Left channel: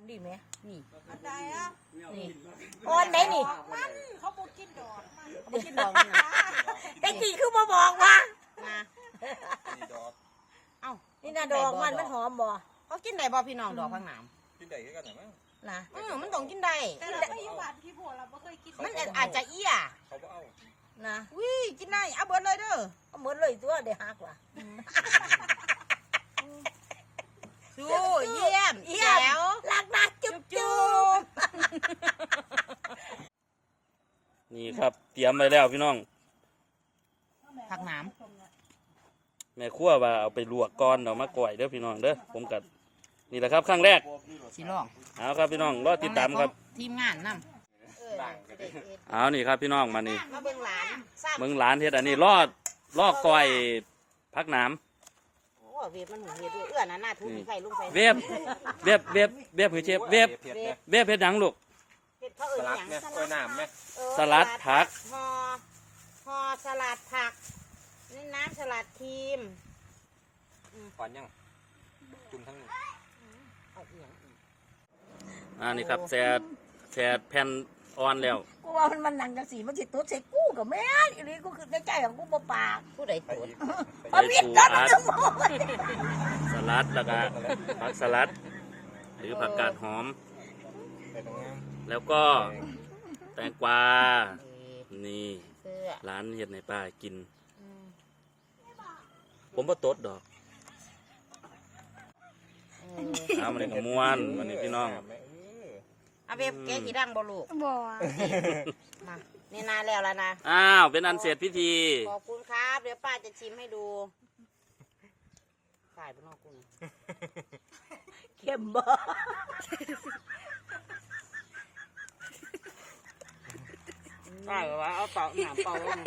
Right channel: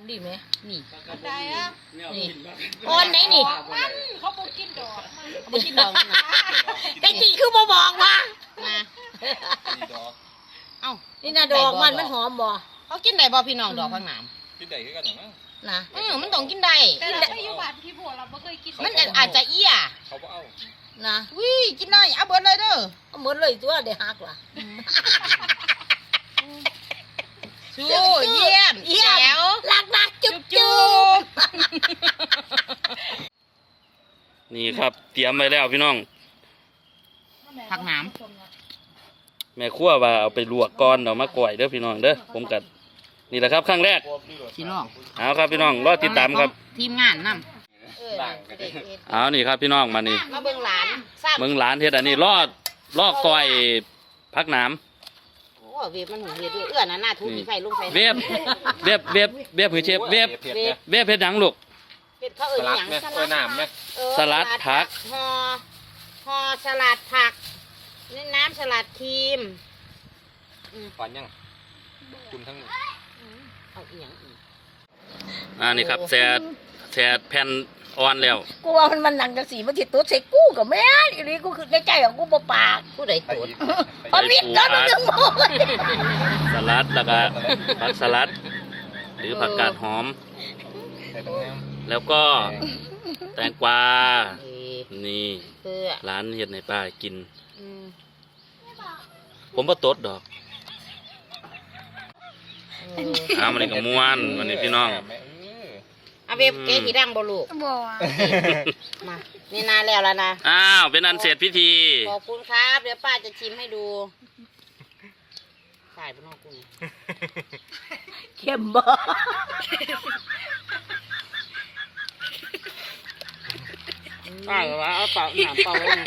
มันดีไหมนี่ได้แล้วนี่อ่อนไหนนี่มันเขาบอกกินดอกเขาบอกกินดอกนะแต่จริงคือบ่บอกว่านะเอ้านี่นะดอกมันหอมบ่เขากินได้บ่พี่น้องดอกพังหนามกินได้คือกันเหรอนะมันต้องกินได้แต่เราไม่อยู่บ้านพี่บัวเราไม่เคยกินมันอาจจะเอี้ยเขาบ่เอานะวิกินได้เอาเบิดเลยเด้อเอาเบิดเลยตัวเดี๋ยวหักล่ะชูเยี่ยมแล้วรักนะจุ๊บนี่ครับเตรียมไว้แล้วพี่น้องผักหนามแม่ครัวว่าเอาไปลวกก่อนเอามาก่อยเด้อพี่น้องเด้อผมกัดนี่แหละครับครั้งแรกสิลองเอาครับพี่น้องรอติดตามครับทีมงานนํเอานี่ครับพี่น้องมานี่มาเบิ่งหลานเบิ่งหลานเฮ็ดอันนี้ลอกก่อยผักหนามเว็บมันหูเฮ็ดด้วยเอื้อน่ะหน้าทุบมีไฟลงไฟเว็บหือเชฟเว็บเฮ็ดหยังลูกเฮ็ดเขาเอิ้นหยังสลัดไหมสลัดผักห่อสลัดผักนี่น้ำสลัดครีมก่อนยังคุณทั้งเอาอีหยังอีกนี่ครับแซ่แผ่นอ่อนแล้วกูว่ามันหนังจังสีมันสิตุ๊ดใส่กูกับแม่อีนี่กูคือในใจของกูบ่ปากกูได้ตุ๊ดใส่ปูอัดสลัดแล้วก็ผักสลัดหรือผักกาดหอมแล้วก็แตงกวานี่ร้านเฮ็ดในป้ากินผมบ่ตดดอกมันนี่ก็ม่วนวันนี้พี่น้องอาเว็บเก๋กี่ดังบ่ลูกบ่มานี่นานแล้วนะเป็นอันเสร็จพิธีขอบคุณครับเดี๋ยวป้าจะชิมให้ดูใส่บนนอกกุ้งเข้มบ่ใช่ว่าเอาเป่าหนามเป่าเลย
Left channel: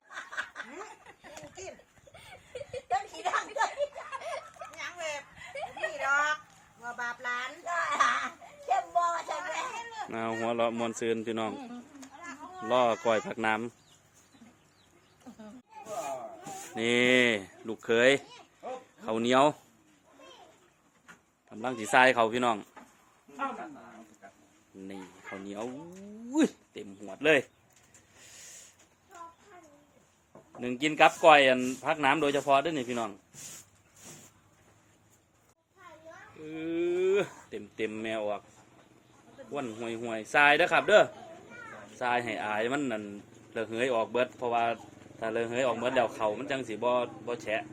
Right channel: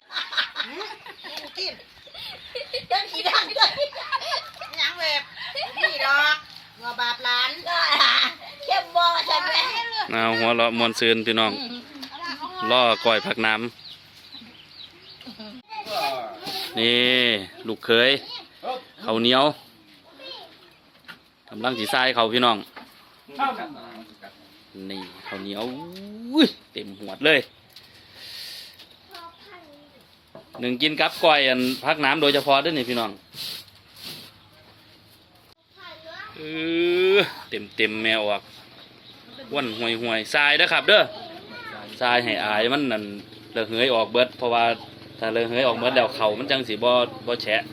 กินยังกี่ดังเลยยังเว็บนี่ดอกหัวบาปหลานเข้มบ่ใช่ไหมหัวเราะมวนซืนพี่น้องล่อก้อยผักน้ำนี่ลูกเขยข้าวเหนียวกำลังสีทรายเขาพี่น้องนี่ข้าวเหนียวเต็มหัวเลยหนึ่งกินกับก้อยอันผักน้ำโดยเฉพาะด้วยนี่พี่น้องเต็มแมวออกว่นห่วยทรายเด้อครับเด้อทรายให้อายมันนั่นเลอะเหยออกเบิดเพราะว่าถ้าเลอะเหยออกเบิดแล้วเขามันจังสีบ่แฉะ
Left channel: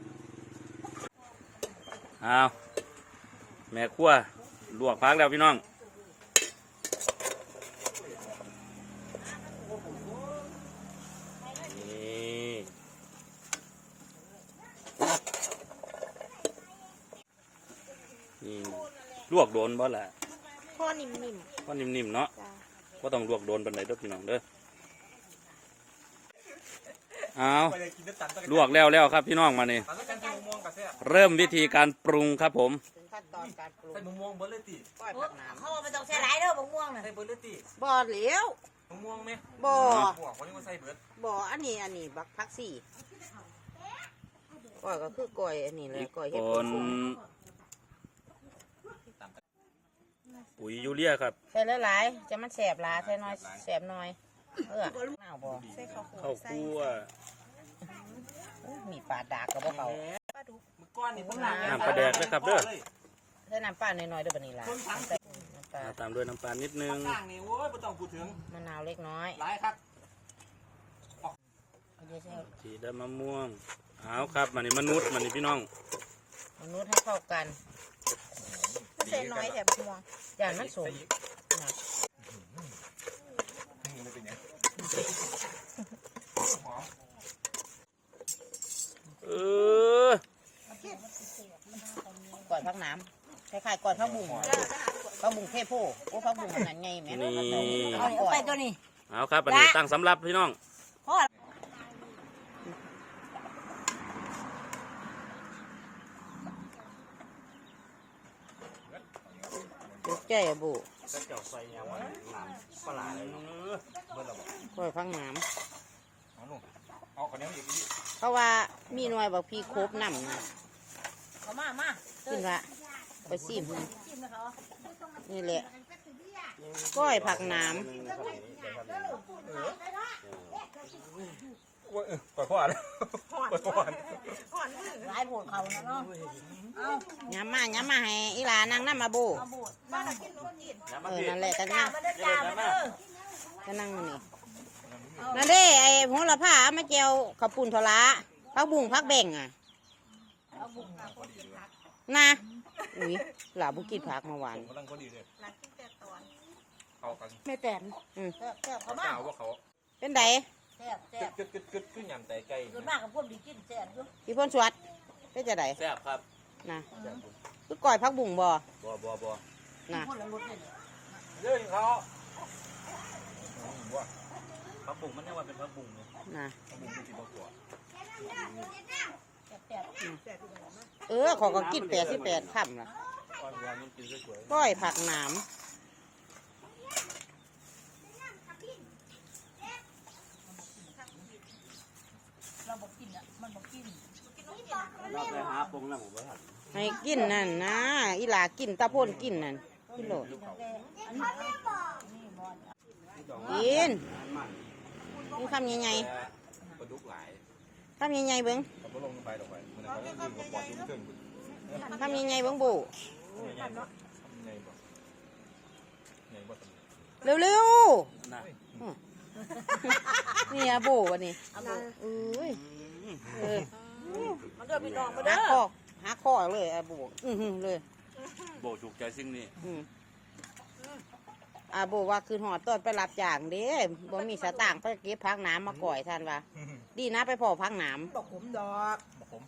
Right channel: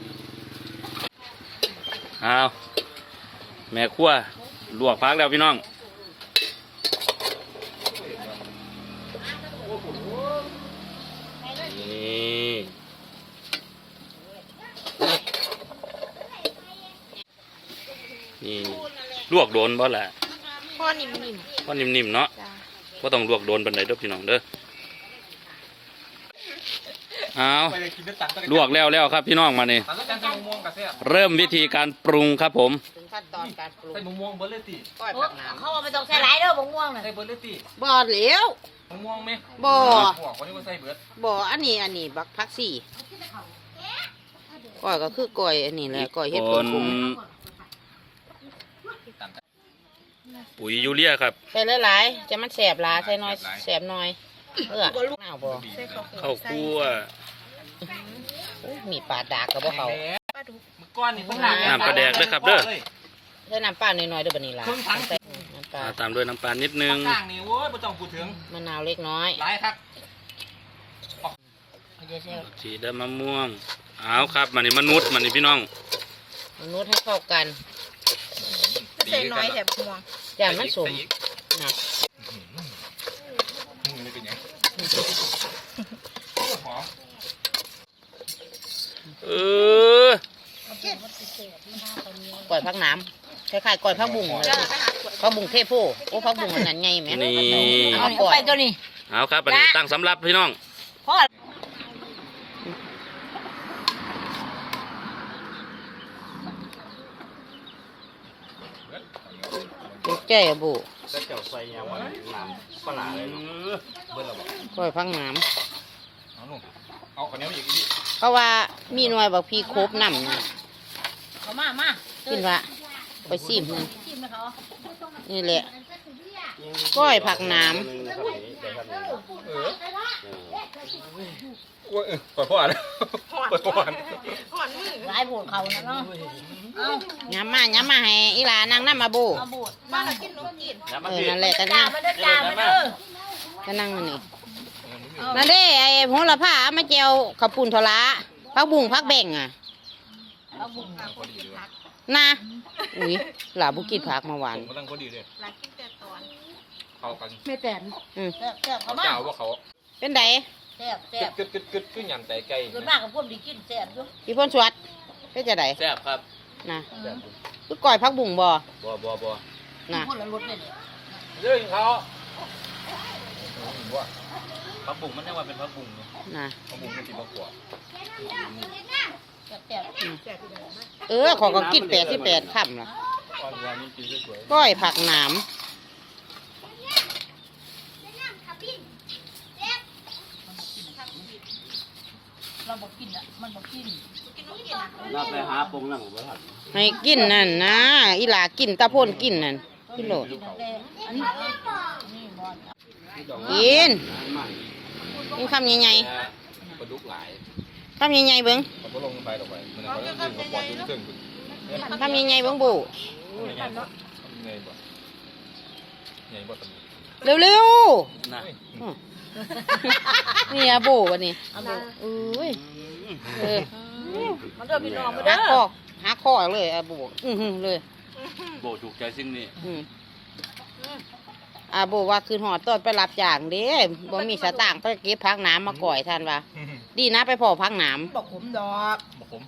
แม่ครัวลวกพักแล้วพี่น้องนี่ลวกโดนบ่ล่ะพ่อนิ่มเนาะบ่ต้องลวกโดนปานใดเด้อพี่น้องเด้อลวกแล้วครับพี่น้องมานี่เริ่มวิธีการปรุงครับผมขั้นตอนการปรุงใส่มะม่วงเบอร์เลติก้อยผักน้ำเขาไม่ต้องใส่หลายเด้อมะม่วงน่ะใส่เบอร์เลติบ่เหลวมะม่วงไหมบ่วันนี้ก็ใส่เบิร์ดบ่อันนี้บักพักสี่ก้อยก็คือก้อยอันนี้แหละก้อยเฮ็ดผงปุ๋ยยูเรียครับใส่หลายๆจะมันแสบหลายใส่น้อยแสบน้อยหนาวบ่ข้าวคั่วมีปลาดากกับบ่เขาน้ำปลาแดกด้วยครับเด้อใส่น้ำปลาหน่อยๆเด้อบัดนี้ล่ะตามด้วยน้ำปลานิดนึงมะนาวเล็กน้อยหลายครับสีดำมะม่วงครับมันนี่มนุษย์มันนี่พี่น้องมนุษย์ให้เข้ากันใส่น้อยแต่ม่วงอย่างมันสมนะก่อยพักน้ำคล้ายๆก่อยพักบุ้งพักบุ้งเทพโพพักบุ้งมันนั่นไงแม่นี่เอาไปตัวนี้ครับอันนี้ตั้งสำรับพี่น้องแก่บุก่อยพักน้ำเอาคนนี้มาอีกทีเพราะว่ามีหน่วยบอกพี่ครบน้ำนะเขามากินว่าไปซิมนั่นนี่แหละก้อยผักหน้ปล่อยพ่ออ่านปล่อยพ่ออ่านหลายโบดเขานะเนาะเอาำย้ำมาให้อีหลานางน้ำมาโบเอาโบดบ้านเรากินโลกินนั่นแหละก็จ่านั่งมาเด้อจ่ามาเด้อก็นั่งมันนี่นั่นเด้ไอ้โหระพาเอามาเจียวข้าวปุ้นทะละผักบุ้งผักแบ่งอ่ะเอาบุกพอดีเลยนะอุ้ยหลาบุกินผักมาหวานผมกำลังพอดีเลยหลังกินแต่ตอนเข้ากันไม่แตนแซ่บเขามาเจ้าว่าเขาเป็นไดแซ่บแซ่บกึดขึ้นยันแต่ไก่ส่วนมากกับพวกดีกินแซ่บอยู่พี่พ่นสวัสดเป็นจะไดแซ่บครับนะแซ่บคือก้อยผักบุ้งบ่บ่นะคนละรสเลยเนี่ยเรื่องเขาว่าผักบุ้งมันยังว่าเป็นผักบุ้งเนาะนะผักบุ้งมันกินมะกรูดแซ่บแซ่บขอก็กิน88ค่ำละอ่อนยามันกินสวยก้อยผักหน้เราบอกกินอ่ะมันบอกกินเราไปหาปงนั่งบ่ทันำให้กินนั่นนะอีหลากินตาพ่นกินนั่นกินโลดกินตั้งแต่อันนี้นี่บอลกินใหม่กินคำใหญ่ปลาดุกหลายๆคำใหญ่ๆเบิ้งมันก็ลงไปลงไปมันก็ดึงกับปอดดึงเครื่องคำใหญ่ๆเบิ้งบูไงบ่ไงบ่ไงบ่ตำเร็วนะๆนี่อะบูวันนี้อุ้ยเออมันเดินพี่น้องมาหัเด้กคออหักคอเลยอะบูเลยโบถูกใจสิ่งนี้อาบูว่าคืนหอดต้นไปรับจ้างเด้บ่มีสตางค์ไปเก็บพักน้ำมาก่อยท่านว่าดีนะไปพอพักน้บอกผมดอกบ่ผม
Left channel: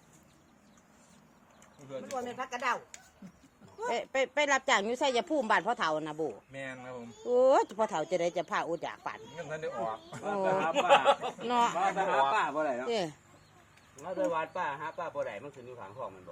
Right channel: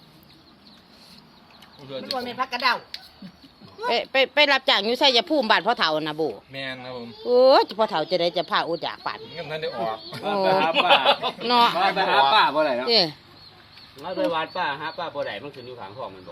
มันควรเป็นพักกระเดาำไปรับจ้างอยู่ใส่ยาภูมิบ้านพ่อเฒ่านะบูแม่นครับผมโอ้ยพ่อเฒ่าจะได้จะพาอุดจากปัดเงินท่านได้ออกโอ้ไปหาป้าเนาะไปหาป้าบ่ได้เนาะเด้มาไปวัดป้าหาป้าบ่ได้มันขึ้นอยู่ข้างห้องมันบ่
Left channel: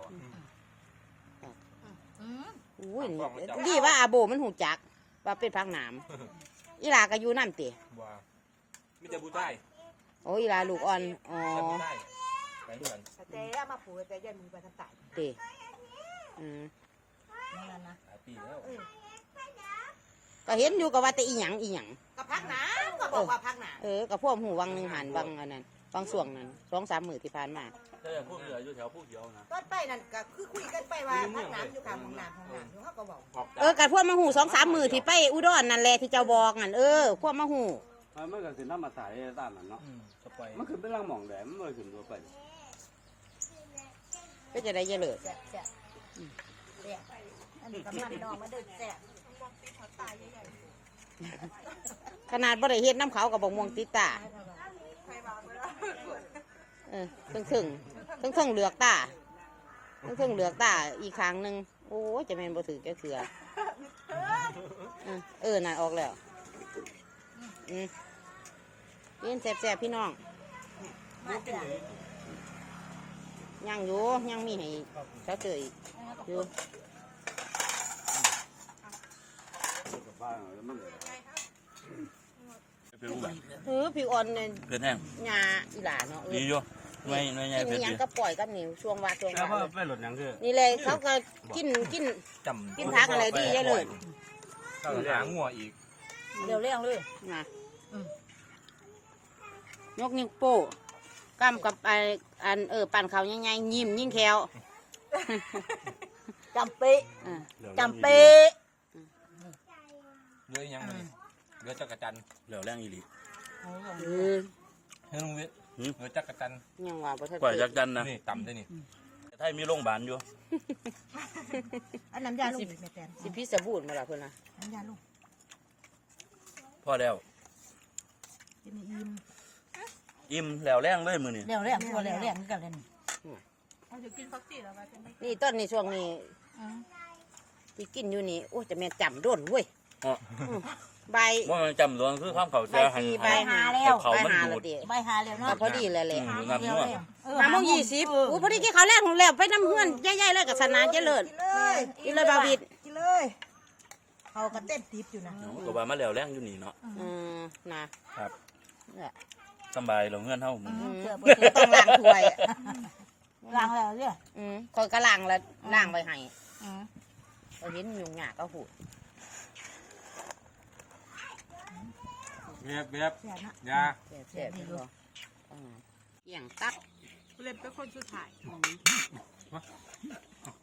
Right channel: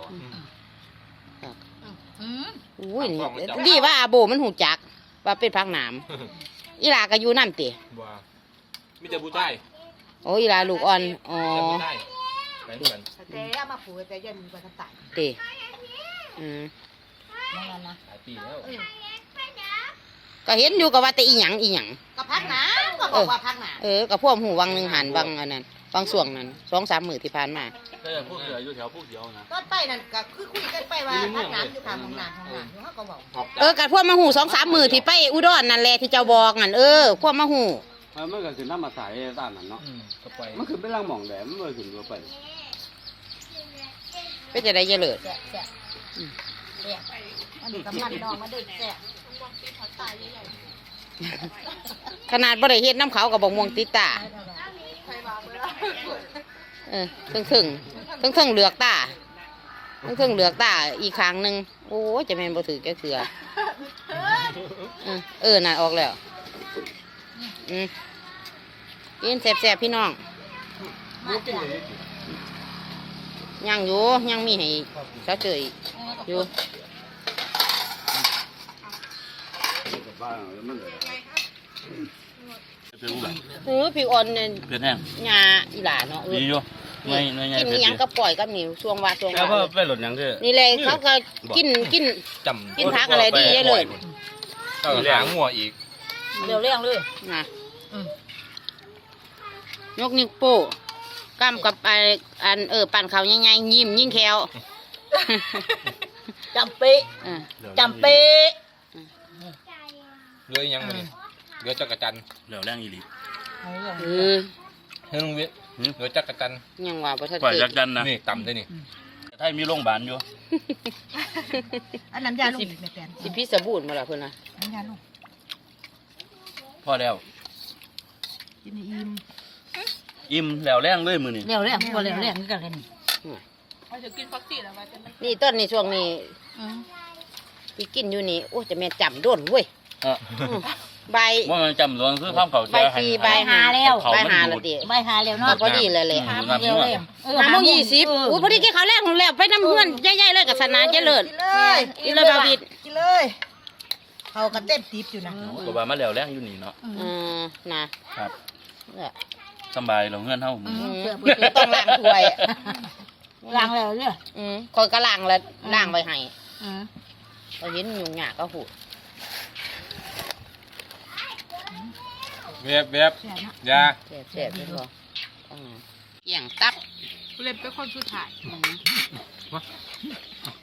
อุ้ยนี่ดีว่าอาโบมันหูจักว่าเป็นพักน้ำอีหลาก็อยู่น้ำเตะบ่มีแต่ผู้ชายโอ้อีหลาลูกอ่อนอ๋อแต่ผู้ชายไปเหมือนแต่เอามาผูกแต่ยันมีกว่าทั้งตายเตะอืมนั่นนะหลายปีแล้วก็เห็นอยู่กับว่าแต่อีหยังอีหยังก็พักหนาก็บอกว่าพักหนากับพวกหูวังหนึ่งหันวังอันนั้นวังส่วงนั้น2-3 มื้อที่ผ่านมาแต่พวกเหลืออยู่แถวพวกเดียวนะตอนไปนั่นก็คือคุยกันไปว่าพักน้ำอยู่ข้างห้องน้ำอยู่เขาก็บอกออกจากกับพวกมาหู2-3 มื้อที่ไปอุดรนั่นแหละที่เจ้าบอกนั่นพวกมาหูมันก็ขึ้นน้ำมาใส่ตามนั้นเนาะก็ไปมันขึ้นไปล่างหม่องแหลมมันบ่ขึ้นตัวไปเป็นจะได้เยอะเลยแซ่บแซ่บแซ่บอันนี้ก็มันดองมาเด็กแซ่บขนาดบ่ได้เฮ็ดน้ำเขากับบ่ม่วงติดตาถึงเหลือกตาถึงเหลือกตาอีกครั้งหนึ่งโอ้ยจะแม่นบ่ถือแกเสือน่ะออกแล้วกินแซ่บๆพี่น้องยังอยู่ยังมีให้เช้าเจออีกอยู่กับบ้านมันเลยผิวอ่อนเนี่ยเป็นแห้งหญ้าอีหลาเนาะดีอยู่หน่วยใหญ่กินอีหยังก็ปล่อยกับนิ้วช่วงว่าแล้วก็ไปหลดหยังคือนี่เลยเขาก็กินจำกินผักอะไรดีเลยก็หางงัวอีกเร็วเร่งเลยนะยกนิ้วโป้กำกับอันปั่นเขาใหญ่ๆยิ้มยิ่งแควจำเป๊ะอ่าจำเป๊ะเรือยังมันเรือจักรจันทร์เหลือแรงอีหลีเออเฮ้ยลุงวิทย์เรือจักรจันทร์ยังว่าบ่ทันปล่อยเกิจัดกจันนะนี่ต่ำได้นี่ไทยมีโรงพยาบาลอยู่อันน้ำยาลูกไม่แตนสิพี่สบู่มาละเพิ่นน่ะน้ำยาลูกพอแล้วกินอิ่มอิ่มแล้วแรงเลยมื้อนี้เร็วเร่งพอเร็วเร่งนี่กันเลยนี่เราจะกินฟักซี่แล้วว่าจะไม่นี่ต้นนี่ช่วงนี้ที่กินอยู่นี่โอ้จะแม่นจำโดนเว้ยเออใบว่ามันจำลวงคือความเข้าใจใบสี่ใบห้าใบห้าละติใบหาเร็วก็เนาะพอดีเลยแหละเร็วเร่ง 5:20อุ้ยพอดีกินข้าวแรกของแล้วไปน้ำเพื่อนใหญ่ๆเลยกับสนานเจริญกินเลยกินเลยบาวิดกินเลยเขาก็เต็มทิพอยู่นะก็ว่ามาแล้วแรงอยู่นี่เนาะนะครับ เนี่ยสบายเราเงื่อนเฮาไม่ต้องล้างถ้วยล้างแล้วเนี่ยคอยก็ล้างแล้วล้างไว้ให้เราเห็นยุงหยากก็หูเว็บเว็บยาแซ่บๆเลยบ่เกี่ยงตับเล็บเป็นคนสุดท้ายอืม